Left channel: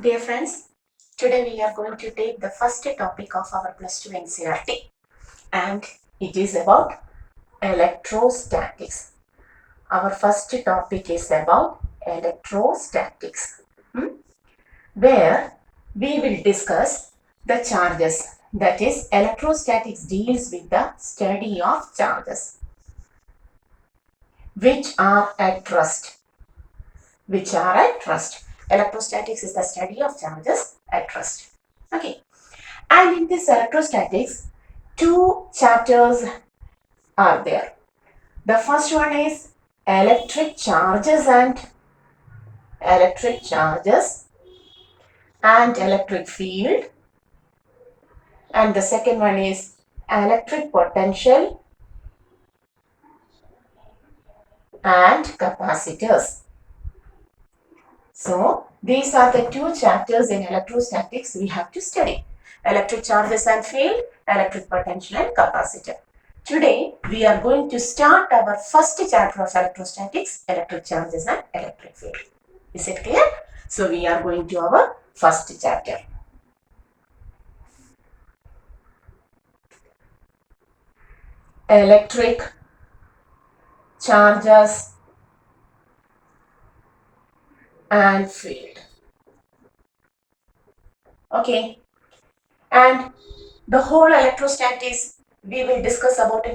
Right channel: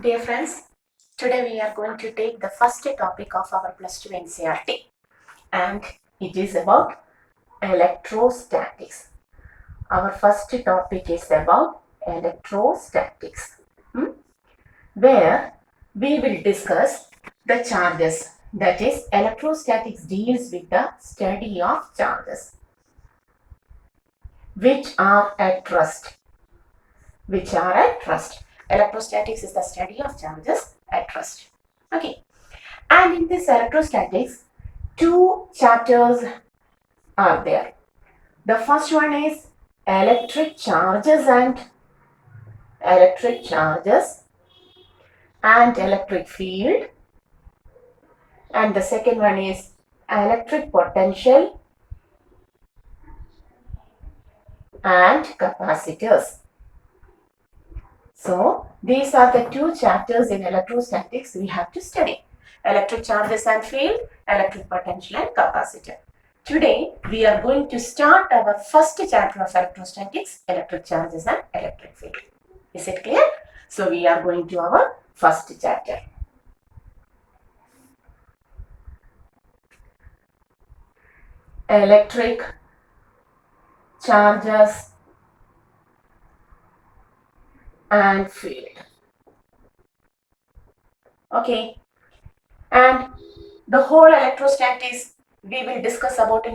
Dear friends, today we are going to take the first topic of our plus 2 NCERT, and it is about electrostatics. Our first topic is about electrostatics, where we will discuss the charges. That is, electrostatics deals with the study of charges which are at rest. Electrostatics is the study of charges at rest. Okay. And in this electrostatics, two chapters are there. The first one is electric charges and electric field, and the second one is electric potential and capacitors. So these are the two chapters in electrostatics we have to study: electric charges and field, electric potential and capacitor. Today we are going to start our first chapter of electrostatics, electric charges and electric field. Is it clear? So we are going to our first chapter. Electric charges and field. Okay. And the whole electrostatics we will discuss about the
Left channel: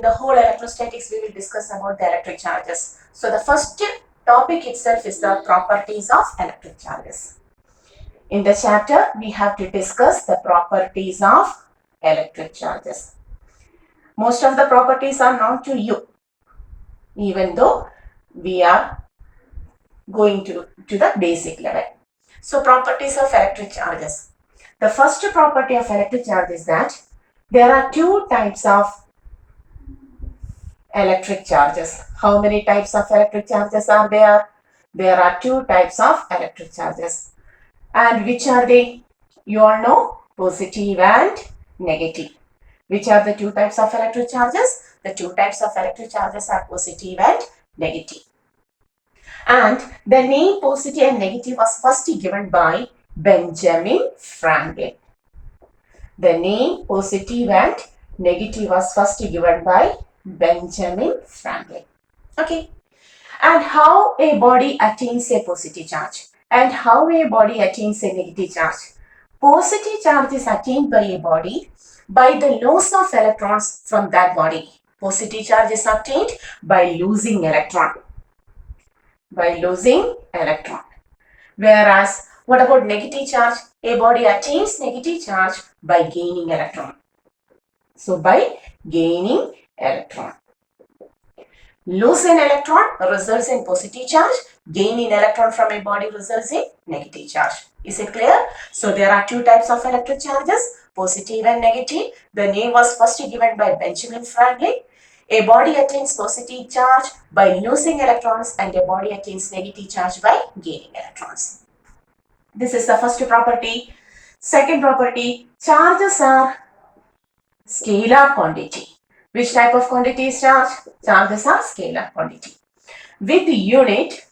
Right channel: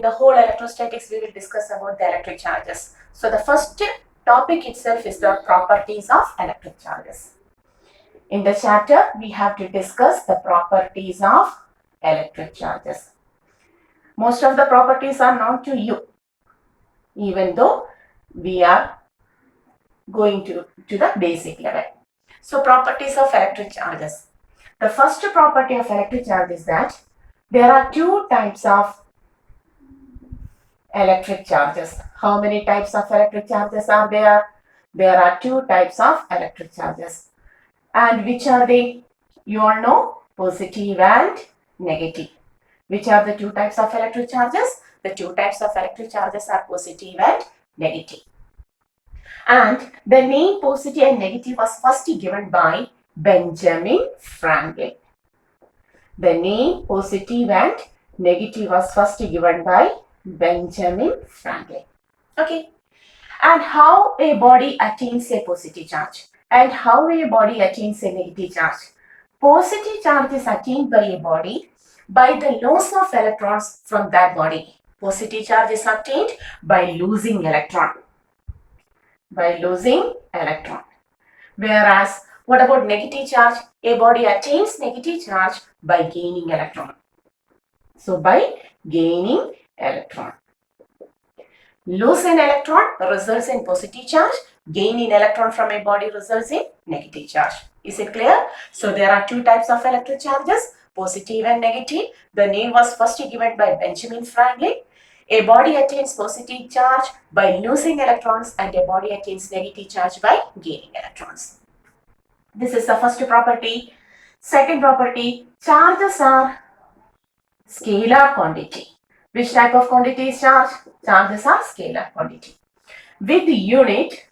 electric charges. So the first topic itself is the properties of electric charges. In the chapter, we have to discuss the properties of electric charges. Most of the properties are known to you, even though we are going to the basic level. So properties of electric charges. The first property of electric charge is that there are two types of electric charges. How many types of electric charges are there? There are two types of electric charges. And which are they? You all know, positive and negative. Which are the two types of electric charges? The two types of electric charges are positive and negative. And the name positive and negative was first given by Benjamin Franklin. The name positive and negative was first given by Benjamin Franklin. Okay. And how a body attains a positive charge and how a body attains a negative charge. Positive charge is attained by a body by the loss of electrons from that body. Positive charge is obtained by losing electron. Whereas, what about negative charge? A body attains negative charge by gaining electron. So, by gaining electron. Lose an electron results in positive charge. Gain in electron from a body results in negative charge. Is it clear? So, there are two types of electric charges, positive and negative. The name was first given by Benjamin Franklin. A body attains positive charge by losing electrons and a body attains negative charge by gaining electrons. This is the first property. Second property, charges are scalar quantity. Which type of quantity is charge? Charges are scalar quantity. With unit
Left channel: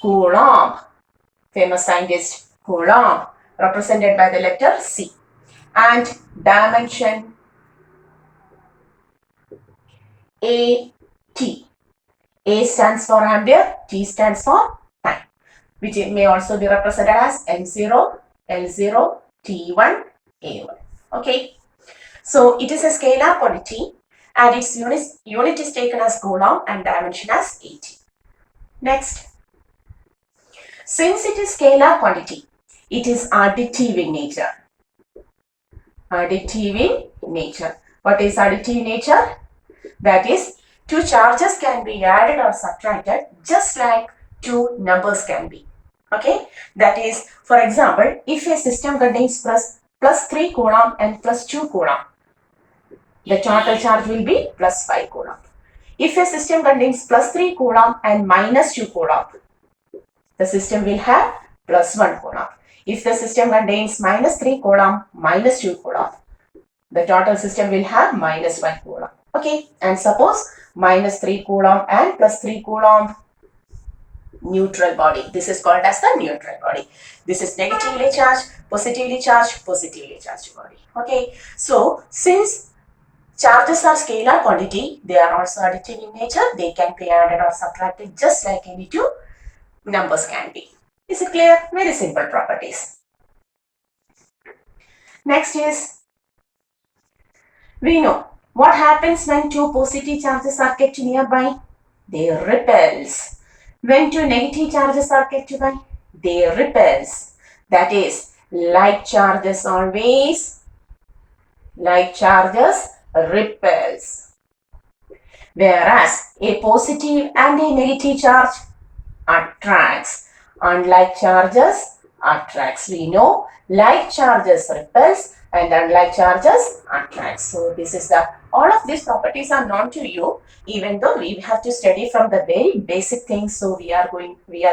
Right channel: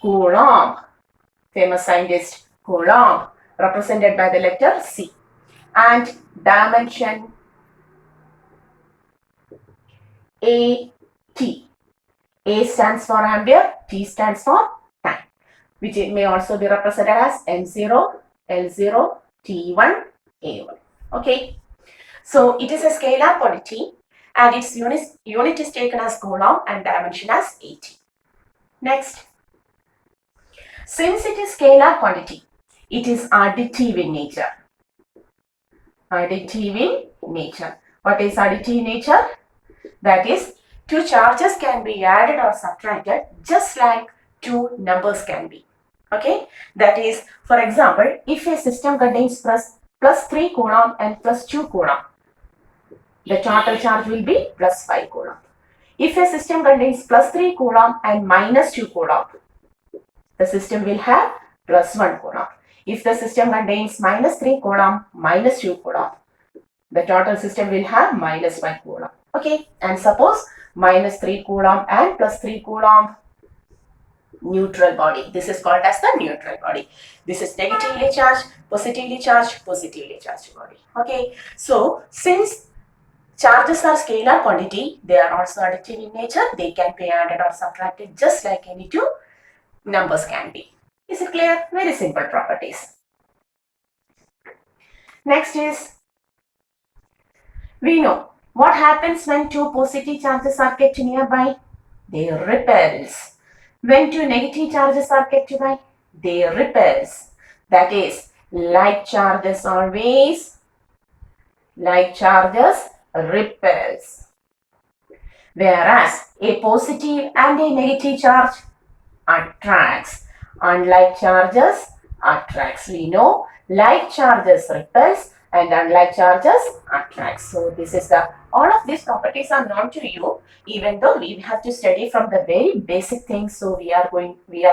Coulomb, famous scientist Coulomb, represented by the letter C, and dimension AT. A stands for ampere, T stands for time, which it may also be represented as M0, L0, T1, A1. Okay. So it is a scalar quantity and its unit is taken as Coulomb and dimension as AT. Next. Since it is scalar quantity, it is additive in nature. What is additive in nature? That is, two charges can be added or subtracted just like two numbers can be. Okay? That is, for example, if a system contains plus 3 Coulomb and plus 2 Coulomb, the total charge will be plus 5 Coulomb. If a system contains plus 3 Coulomb and minus 2 Coulomb, the system will have plus 1 Coulomb. If the system contains minus 3 Coulomb, minus 2 Coulomb, the total system will have minus 1 Coulomb. Okay, and suppose minus 3 Coulomb and plus 3 Coulomb, neutral body. This is called as the neutral body. This is negatively charged, positively charged body. Okay, so since charges are scalar quantity, they are also additive in nature. They can be added or subtracted just like any two numbers can be. Is it clear? Very simple properties. Next is, we know what happens when two positive charges are kept nearby. They repels. When two negative charges are kept nearby, they repels. That is, like charges repels. Whereas a positive and a negative charge attracts. Unlike charges attracts. We know like charges repels and unlike charges attracts. So this is the, all of these properties are known to you, even though we have to study from the very basic things. So we are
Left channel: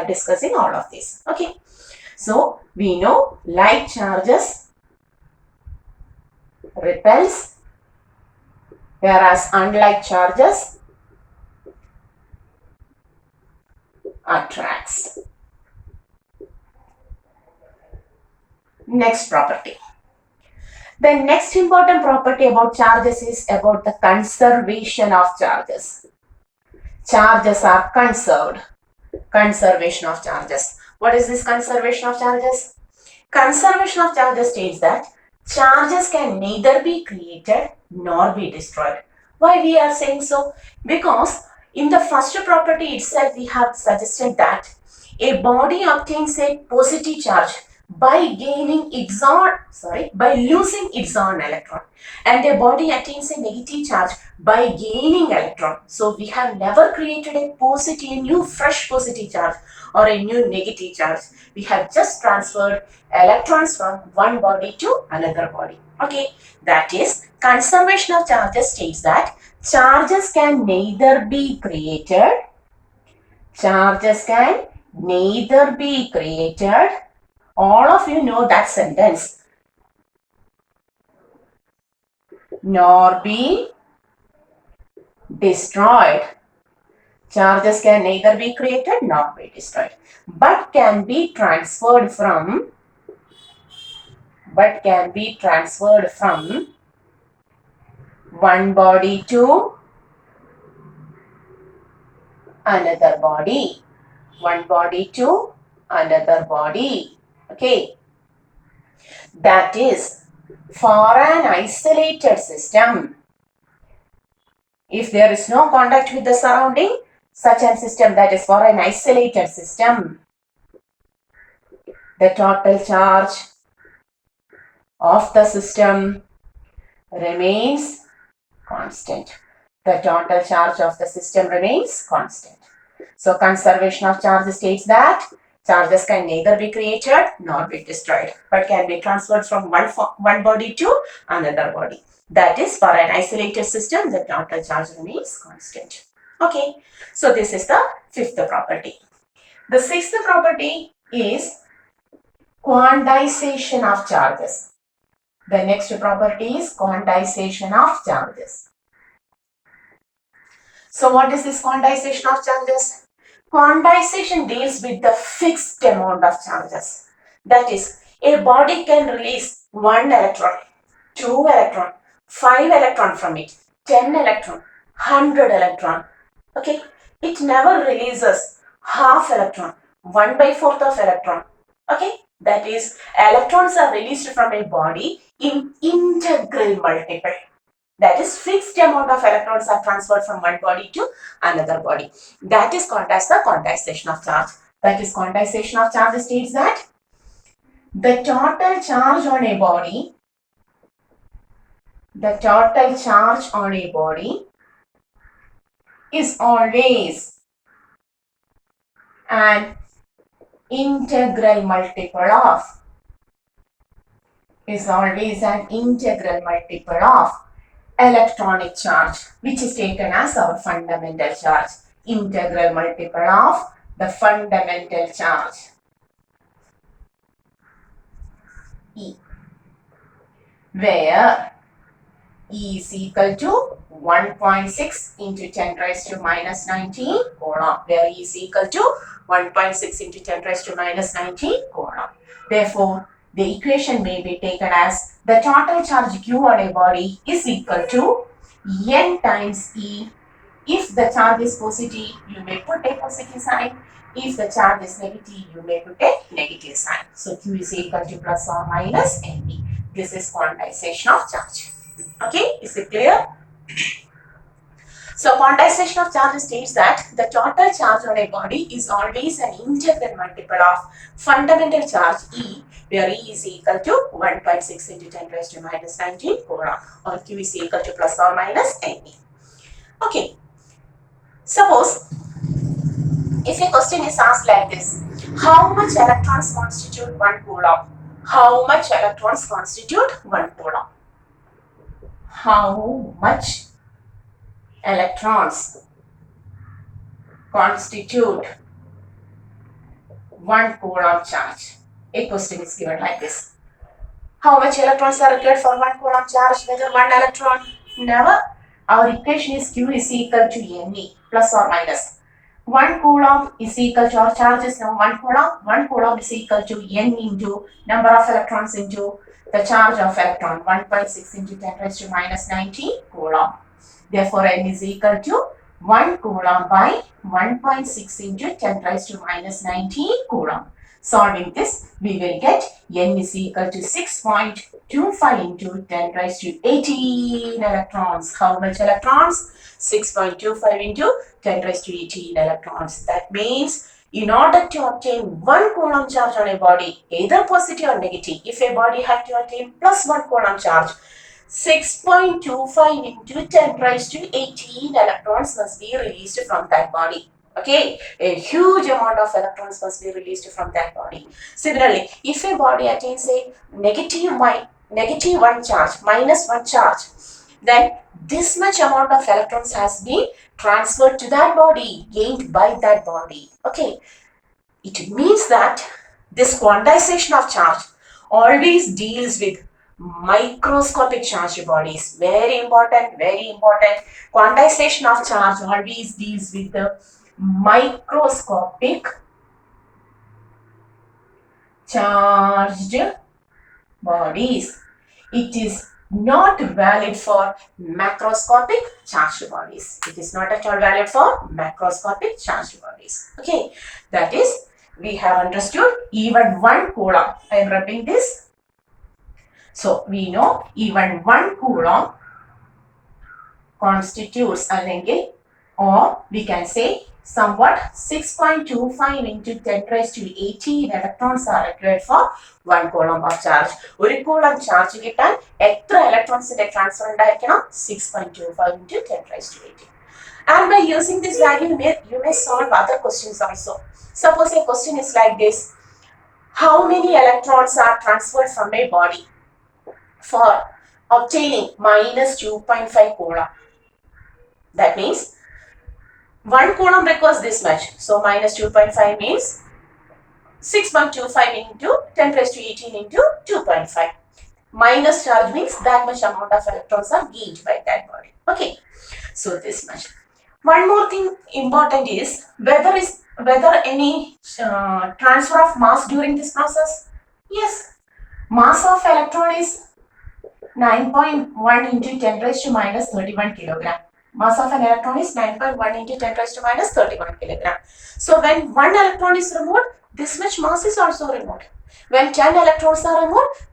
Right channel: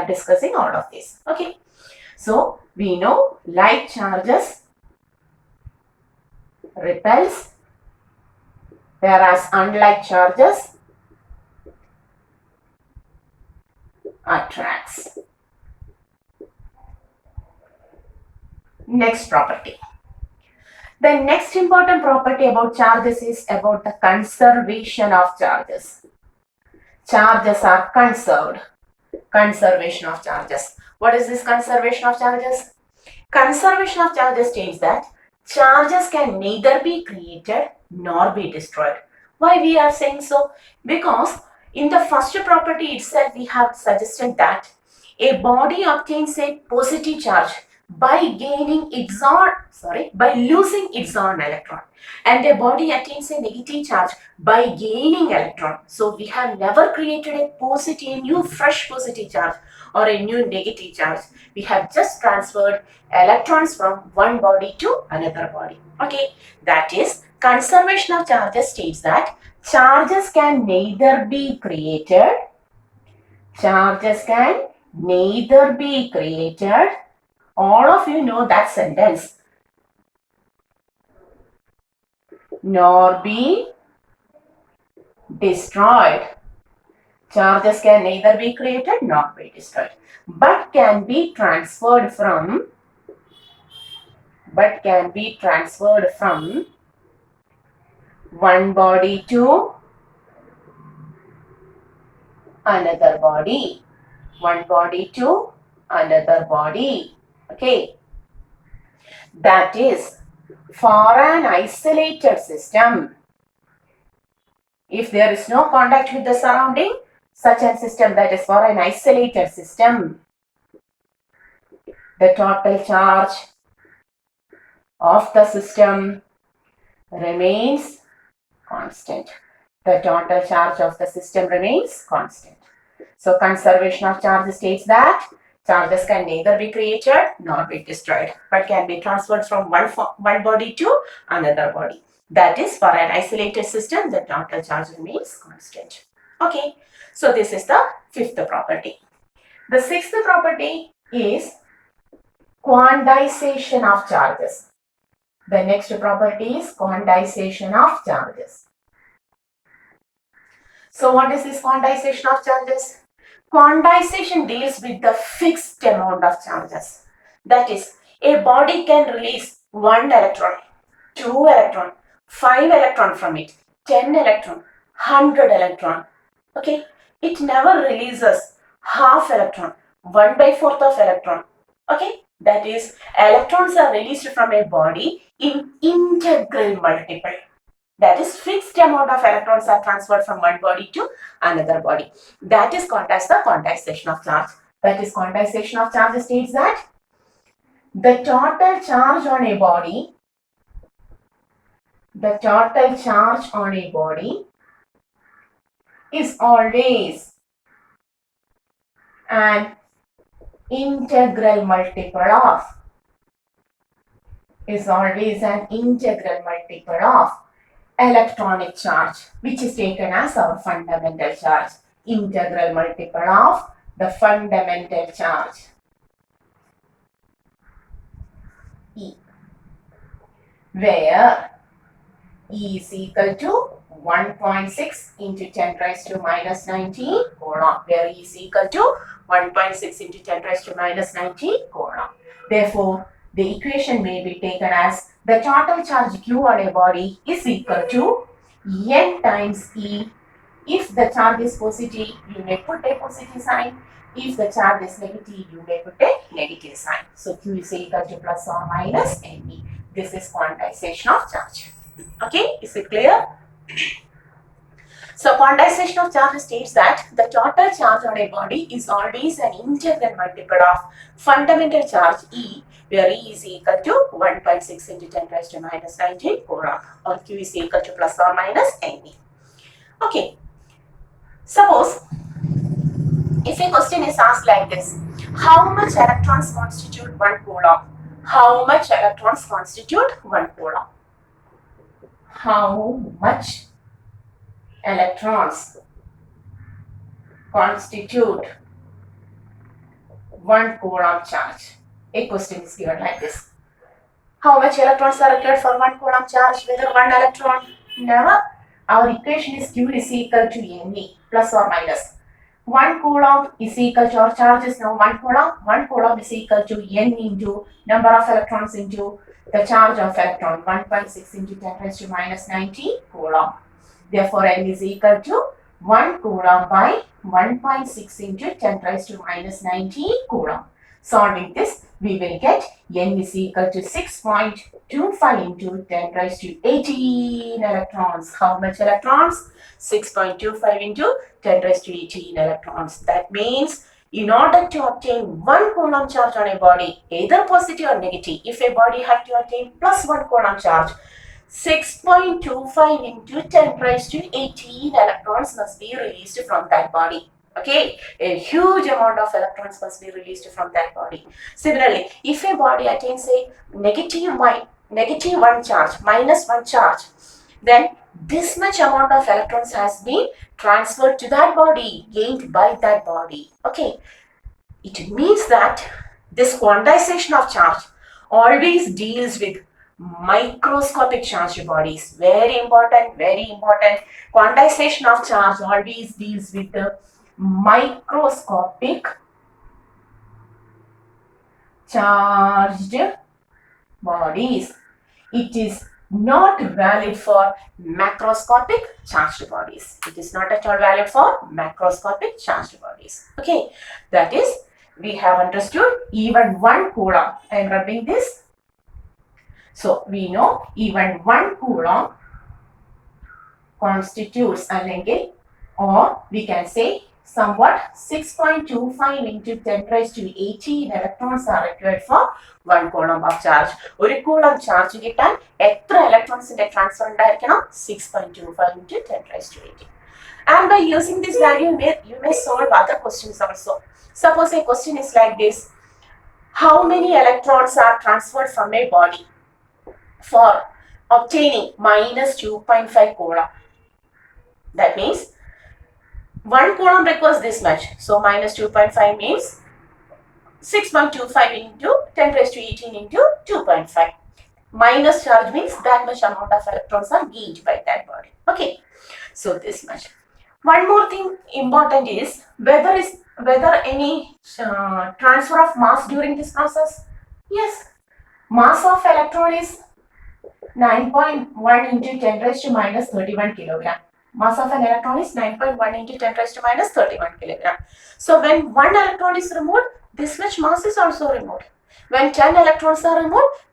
discussing all of this. Okay. So we know like charges repels, whereas unlike charges attracts. Next property. The next important property about charges is about the conservation of charges. Charges are conserved. Conservation of charges. What is this conservation of charges? Conservation of charges states that charges can neither be created nor be destroyed. Why we are saying so? Because in the first property itself we have suggested that a body obtains a positive charge by losing its own electron, and a body attains a negative charge by gaining electron. So we have never created a new fresh positive charge or a new negative charge. We have just transferred electrons from one body to another body. Okay, that is, conservation of charges states that charges can neither be created all of you know that sentence, nor be destroyed. Charges can neither be created nor be destroyed, but can be transferred from one body to another body. Okay, that is, for an isolated system, if there is no contact with the surrounding, such a system, that is for an isolated system, the total charge of the system remains constant. So conservation of charge states that charges can neither be created nor be destroyed, but can be transferred from one body to another body. That is, for an isolated system, the total charge remains constant. Okay, so this is the fifth property. The sixth property is quantization of charges. The next property is quantization of charges. So what is this quantization of charges? Quantization deals with the fixed amount of charges. That is, a body can release 1 electron, 2 electron, 5 electron from it, 10 electron, 100 electron. Okay, it never releases half electron, 1/4 of electron. Okay, that is, electrons are released from a body in integral multiple. That is, fixed amount of electrons are transferred from one body to another body. That is called as the quantization of charge. That is, quantization of charge states that the total charge on a body is always an integral multiple of electronic charge, which is taken as our fundamental charge. Integral multiple of the fundamental charge, E, where E is equal to 1.6 into 10 raised to minus 19 coulomb, where E is equal to 1.6 into 10 raised to minus 19 coulomb. Therefore, the equation may be taken as the total charge Q on a body is equal to N times E. If the charge is positive, you may put a positive sign. If the charge is negative, you may put a negative sign. So Q is equal to plus or minus NE. This is quantization of charge. Okay, is it clear? So quantization of charge states that the total charge on a body is always an integral multiple of fundamental charge E, where E is equal to 1.6 into 10 raised to minus 19 coulomb, or Q is equal to plus or minus NE. Okay. Suppose if a question is asked like this, how much electrons constitute 1 coulomb? How much electrons constitute 1 coulomb? How much electrons constitute 1 coulomb charge? A question is given like this. How much electrons are required for 1 coulomb charge? Whether 1 electron? Never. Our equation is Q is equal to Ne, plus or minus. 1 coulomb is equal to, our charge is now 1 coulomb. 1 coulomb is equal to N into number of electrons into the charge of electron, 1.6 into 10 raised to minus 19 coulomb. Therefore, N is equal to 1 coulomb by 1.6 into 10 raised to minus 19 coulomb. Solving this, we will get N is equal to 6.25 into 10 raised to 18 electrons. How much electrons? 6.25 into 10 raised to 18 electrons. That means in order to obtain 1 coulomb charge on a body, either positive or negative, if a body had to attain plus 1 coulomb charge, 6.25 into 10 raised to 18 electrons must be released from that body. Okay, a huge amount of electrons must be released from that body. Similarly, if a body attains a negative 1 charge, minus 1 charge, then this much amount of electrons has been transferred to that body, gained by that body. Okay, it means that this quantization of charge always deals with microscopic charged bodies. Very important, very important. Quantization of charge always deals with the microscopic charged bodies. It is not valid for macroscopic charged bodies. It is not at all valid for macroscopic charged bodies. Okay, that is, we have understood even 1 coulomb. I am rubbing this. So we know even 1 coulomb constitutes or we can say somewhat 6.25 into 10 raised to 18 electrons are required for 1 coulomb of charge. 1 coulomb charge കിട്ടാൻ എത്ര electronsന്റെ transfer ഉണ്ടായിരിക്കണം? 6.25 into 10 raised to 18. And by using this value, you may solve other questions also. Suppose a question is like this. How many electrons are transferred from a body for obtaining minus 2.5 coulomb? That means 1 coulomb requires this much. So minus 2.5 means 6.25 into 10 raised to 18 into 2.5. Minus charge means that much amount of electrons are gained by that body. Okay, so this much. One more thing important is whether any transfer of mass during this process. Yes, mass of electron is 9.1 into 10 raised to minus 31 kilogram. Mass of an electron is 9.1 into 10 raised to minus 31 kilogram. So when 1 electron is removed, this much mass is also removed. When 10 electrons are removed,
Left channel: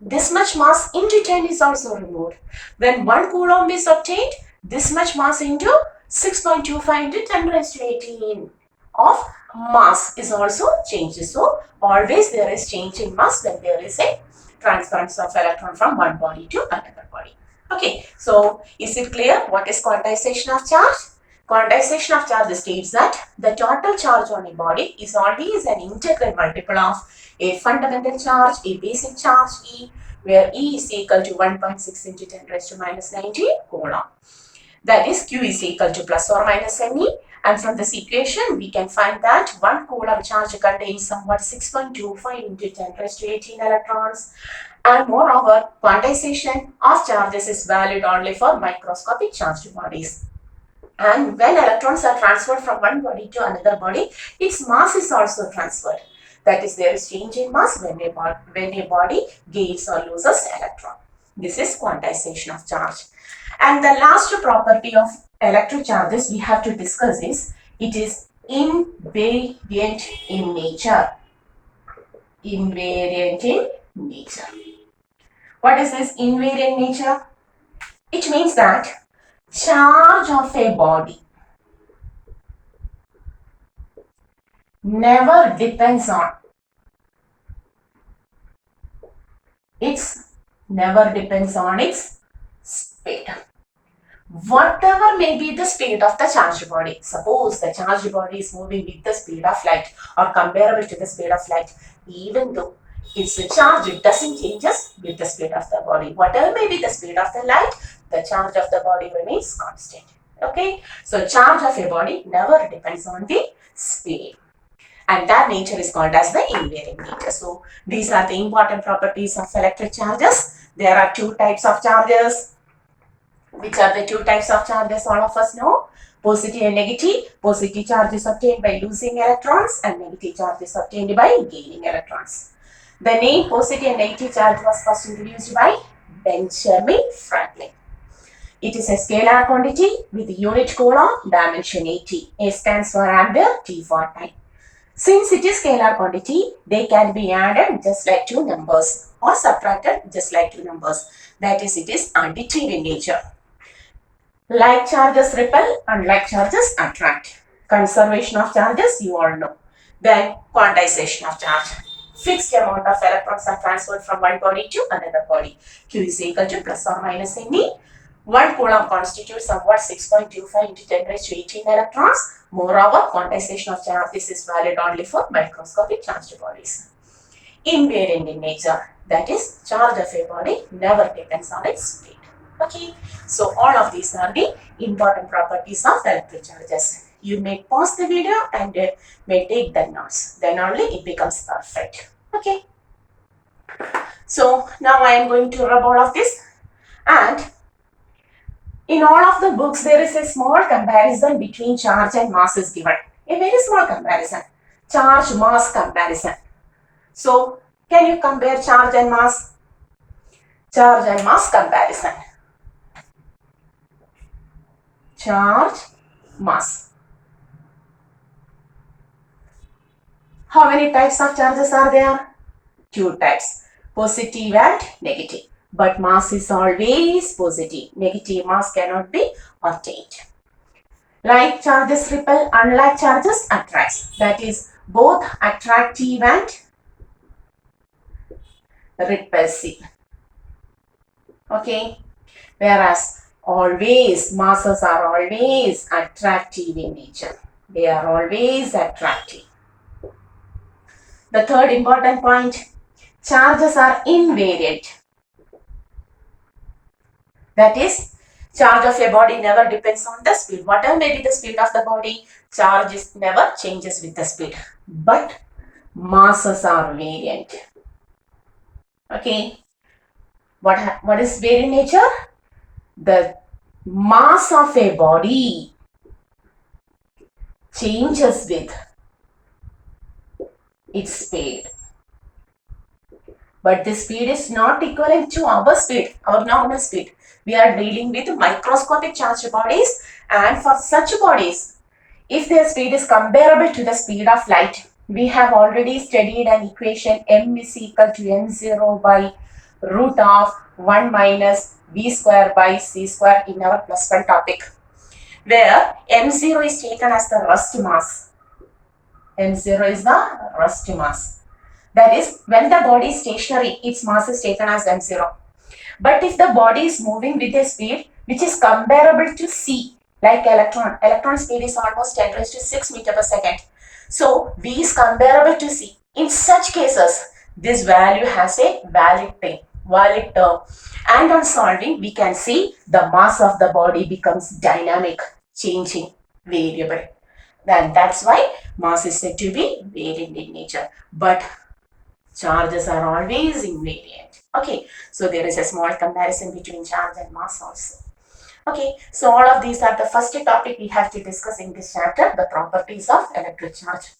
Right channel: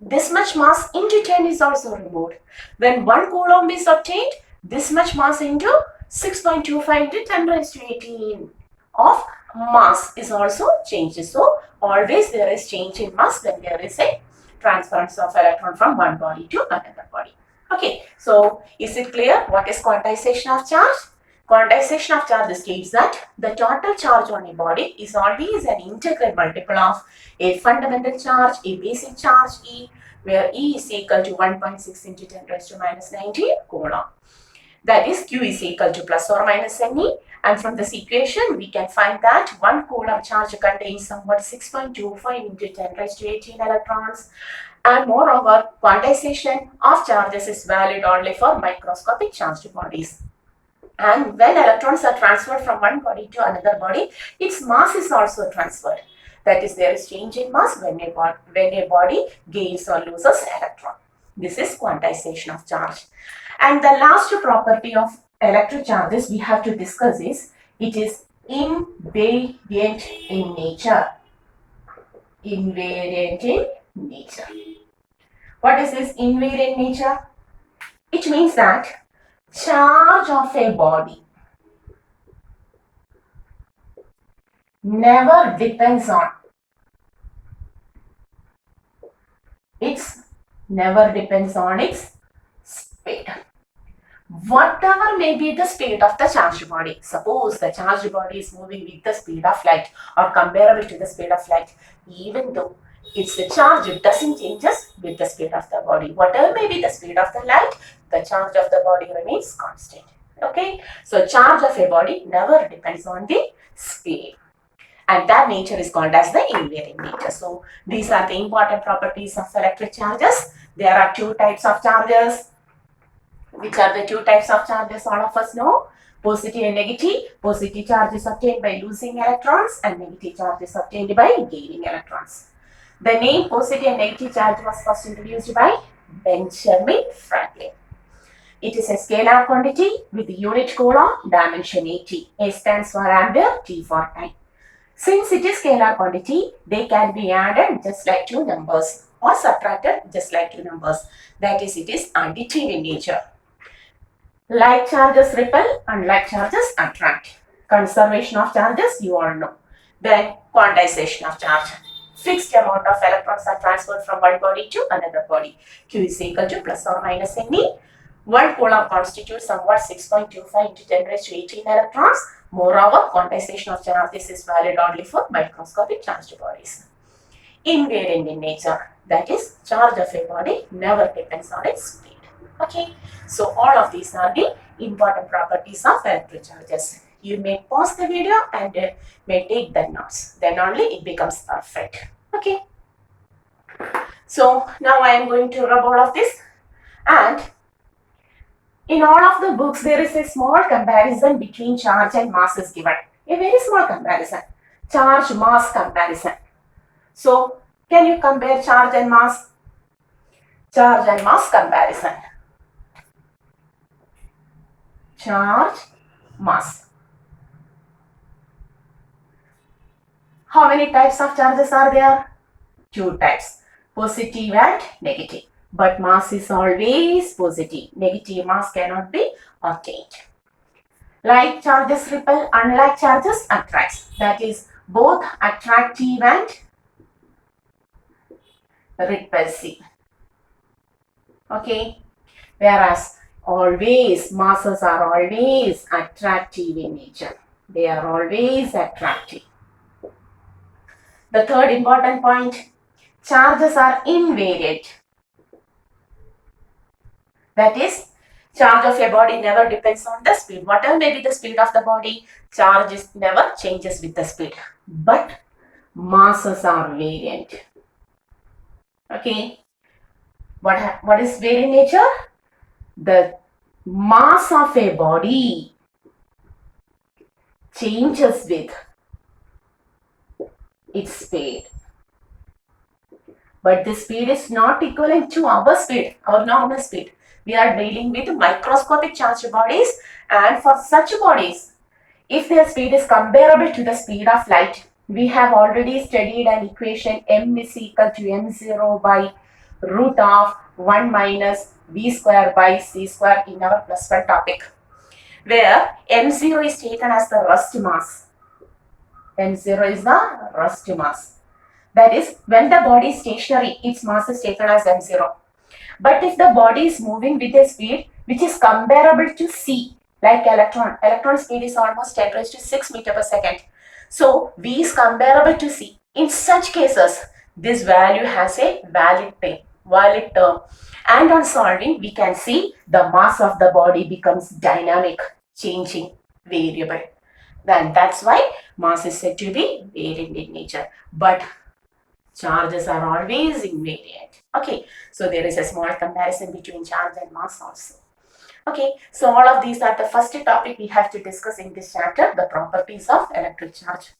this much mass into 10 is also removed. When 1 coulomb is obtained, this much mass into 6.25 into 10 raised to 18 of mass is also changed. So always there is change in mass when there is a transference of electron from one body to another body. Okay, so is it clear what is quantization of charge? Quantization of charge states that the total charge on a body is always an integral multiple of a fundamental charge, a basic charge E, where E is equal to 1.6 into 10 raised to minus 19 coulomb. That is, Q is equal to plus or minus Ne. And from this equation, we can find that 1 coulomb charge contains somewhat 6.25 into 10 raised to 18 electrons. And moreover, quantization of charges is valid only for microscopic charged bodies. And when electrons are transferred from one body to another body, its mass is also transferred. That is, there is change in mass when a body gains or loses electron. This is quantization of charge. And the last property of electric charges we have to discuss is it is invariant in nature. Invariant in nature. What is this invariant nature? It means that charge of a body never depends on its speed. Whatever may be the speed of the charged body, suppose the charged body is moving with the speed of light or comparable to the speed of light, even though it's a charge, it doesn't change with the speed of the body. Whatever may be the speed of the light, the charge of the body remains constant. Okay, so charge of a body never depends on the speed, and that nature is called as the invariant nature. So these are the important properties of electric charges. There are two types of charges. Which are the two types of charges all of us know? Positive and negative. Positive charge is obtained by losing electrons and negative charge is obtained by gaining electrons. The name positive and negative charge was first introduced by Benjamin Franklin. It is a scalar quantity with unit coulomb, dimension 80. A stands for ampere, T for time. Since it is scalar quantity, they can be added just like two numbers or subtracted just like two numbers. That is, it is additive in nature. Like charges repel and like charges attract. Conservation of charges, you all know. Then quantization of charge. Fixed amount of electrons are transferred from one body to another body. Q is equal to plus or minus ME. 1 coulomb constitutes somewhat 6.25 into 10 raised to 18 electrons. Moreover, quantization of charges is valid only for microscopic charged bodies. Invariant in nature, that is, charge of a body never depends on its speed. Okay, so all of these are the important properties of electric charges. You may pause the video and may take the notes. Then only it becomes perfect. Okay. So now I am going to rub all of this, and in all of the books there is a small comparison between charge and mass is given. A very small comparison. Charge mass comparison. So can you compare charge and mass? Charge and mass comparison. Charge, mass. How many types of charges are there? Two types, positive and negative. But mass is always positive. Negative mass cannot be obtained. Like charges repel, unlike charges attracts. That is both attractive and repulsive. Okay. Whereas always, masses are always attractive in nature. They are always attractive. The third important point, charges are invariant. That is, charge of a body never depends on the speed. Whatever may be the speed of the body, charge never changes with the speed. But masses are variant. Okay. What is variant nature? The mass of a body changes with its speed. But this speed is not equivalent to our speed, our normal speed. We are dealing with microscopic charged bodies, and for such bodies, if their speed is comparable to the speed of light, we have already studied an equation m is equal to m0 by root of 1 minus v square by c square in our plus 1 topic, where m0 is taken as the rest mass. M0 is the rest mass. That is, when the body is stationary, its mass is taken as m0. But if the body is moving with a speed which is comparable to c, like electron speed is almost 10 raised to 6 meter per second. So v is comparable to c. In such cases, this value has a valid term. And on solving, we can see the mass of the body becomes dynamic, changing, variable. Then that's why mass is said to be variant in nature. But charges are always invariant. Okay, so there is a small comparison between charge and mass also. Okay, so all of these are the first topic we have to discuss in this chapter, the properties of electric charge.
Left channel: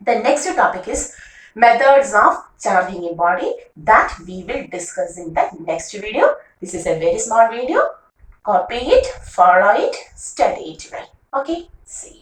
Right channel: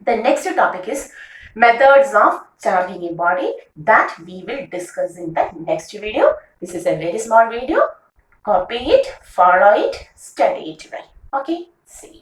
The next topic is methods of charging a body, that we will discuss in the next video. This is a very small video. Copy it, follow it, study it well. Okay, see you.